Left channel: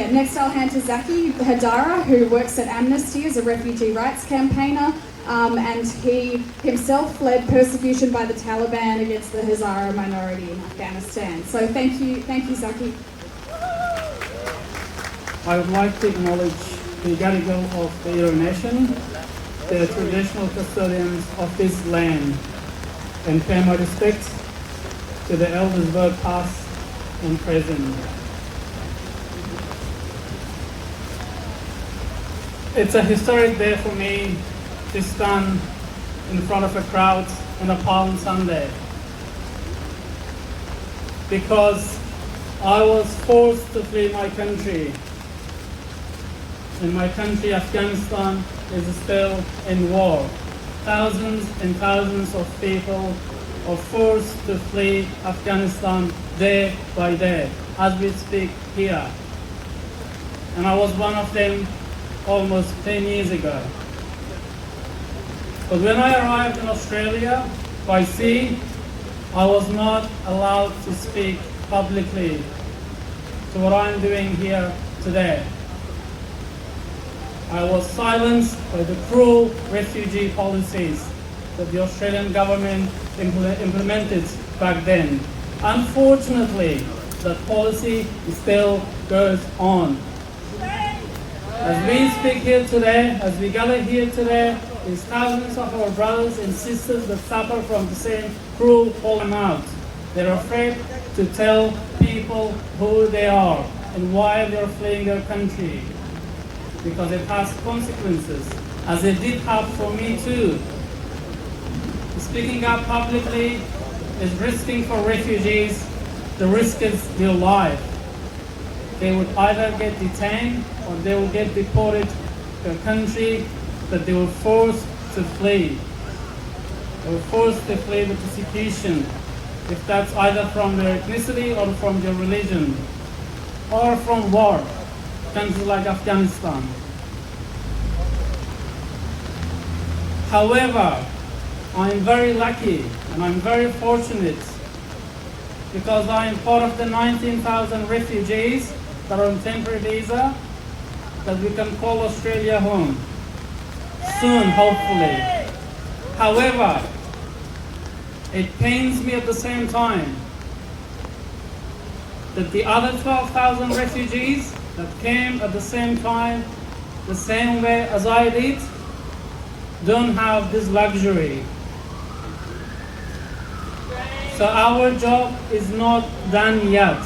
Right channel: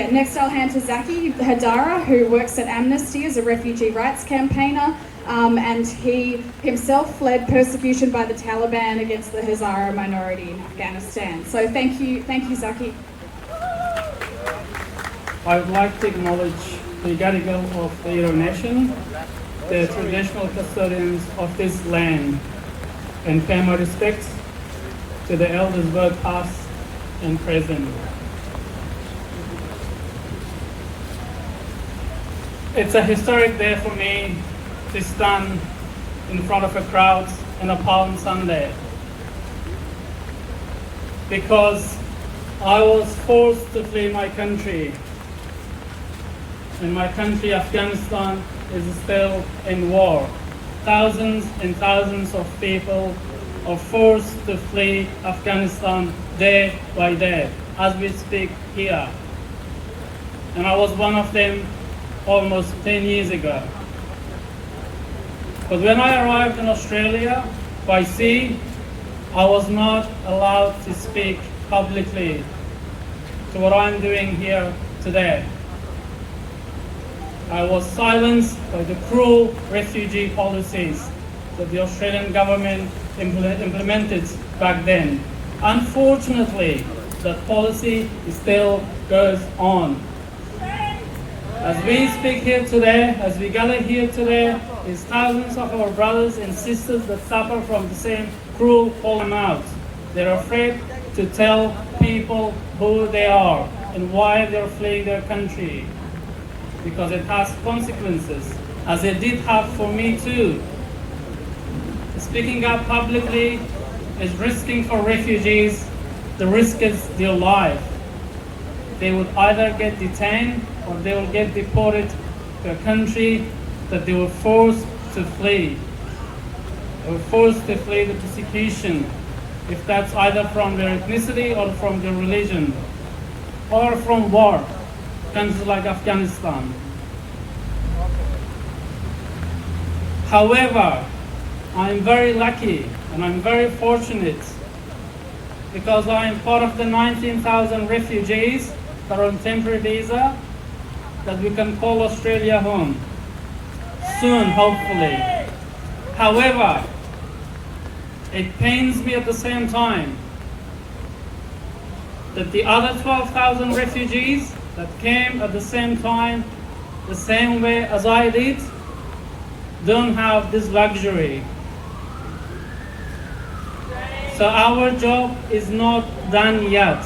Next I'll hand to Zaki Haidari, who works at Amnesty as a refugee rights campaigner, and he himself fled persecution by the Taliban against the Hazara minority in Afghanistan. So thank you, Zaki. I would like to acknowledge the Gadigal of the Eora Nation, the traditional custodians of this land, and pay my respects to the elders both past and present. It's a historic day for me to stand in front of a crowd on a Palm Sunday, because I was forced to flee my country, and my country, Afghanistan, is still in war. Thousands and thousands of people are forced to flee Afghanistan day by day as we speak here. And I was one of them almost 10 years ago. But when I arrived in Australia by sea, I was not allowed to speak publicly to what I'm doing here today. I was silenced by the cruel refugee policies that the Australian government implemented back then. Unfortunately, that policy still goes on. As we speak here today, as we gather here today, there's thousands of our brothers and sisters that suffer from the same cruel falling out. They're afraid to tell people who they are and why they're fleeing their country, because it has consequences, as it did have for me too. Speaking up publicly is risking for refugees, the risk is their life. They would either get detained or they will get deported to a country that they were forced to flee. They were forced to flee the persecution, if that's either from their ethnicity or from their religion, or from war. Countries like Afghanistan. However, I'm very lucky and I'm very fortunate because I am part of the 19,000 refugees that are on temporary visa that we can call Australia home soon, hopefully. However, it pains me at the same time that the other 12,000 refugees that came at the same time, the same way as I did, don't have this luxury. So our job is not done yet.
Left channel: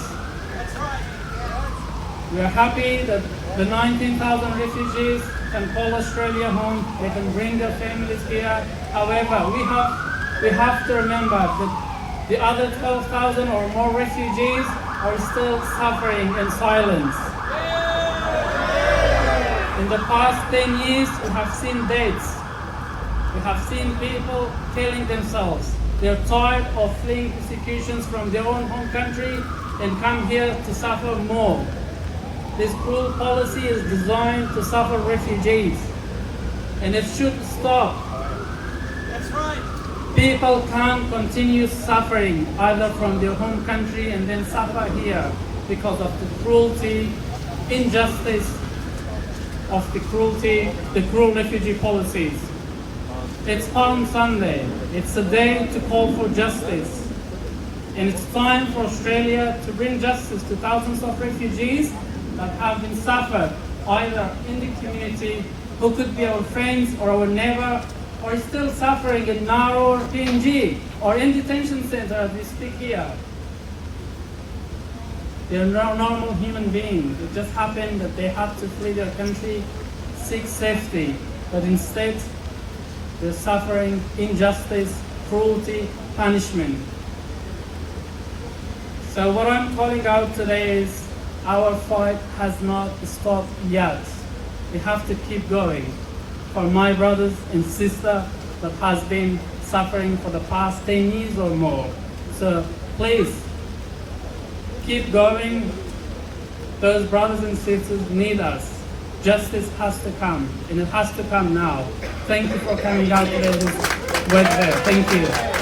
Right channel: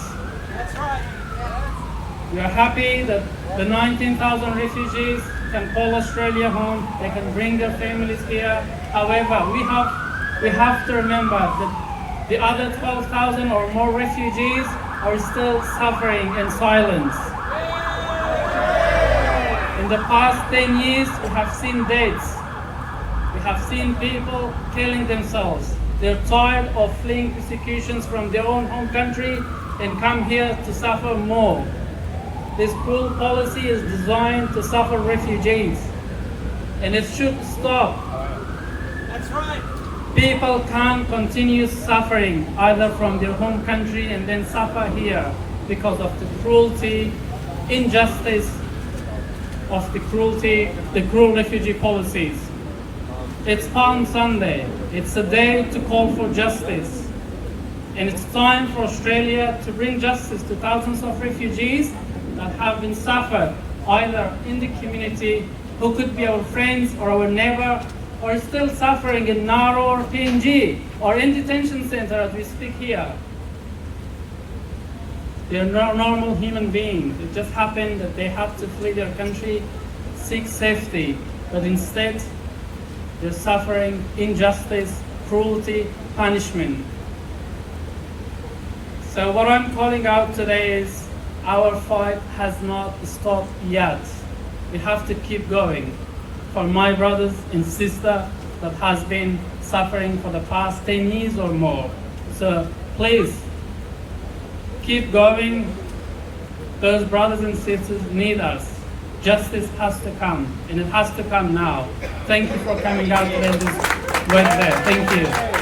We're happy that the 19,000 refugees can call Australia home, they can bring their families here. However, we have to remember that the other 12,000 or more refugees are still suffering in silence. In the past 10 years, we have seen deaths. We have seen people killing themselves. They're tired of fleeing persecutions from their own home country and come here to suffer more. This cruel policy is designed to suffer refugees, and it should stop. That's right. People can't continue suffering either from their home country and then suffer here because of the cruelty, injustice of the cruel refugee policies. It's Palm Sunday. It's a day to call for justice. And it's time for Australia to bring justice to thousands of refugees that have been suffered either in the community, who could be our friends or our neighbor, or still suffering in Nauru or PNG or in detention center as we speak here. They're normal human beings. It just happened that they have to flee their country, seek safety, but instead they're suffering injustice, cruelty, punishment. So what I'm calling out today is our fight has not stopped yet. We have to keep going for my brothers and sisters that has been suffering for the past 10 years or more. So please, keep going. Those brothers and sisters need us. Justice has to come, and it has to come now. Thank you for coming out today this Wednesday. Thank you.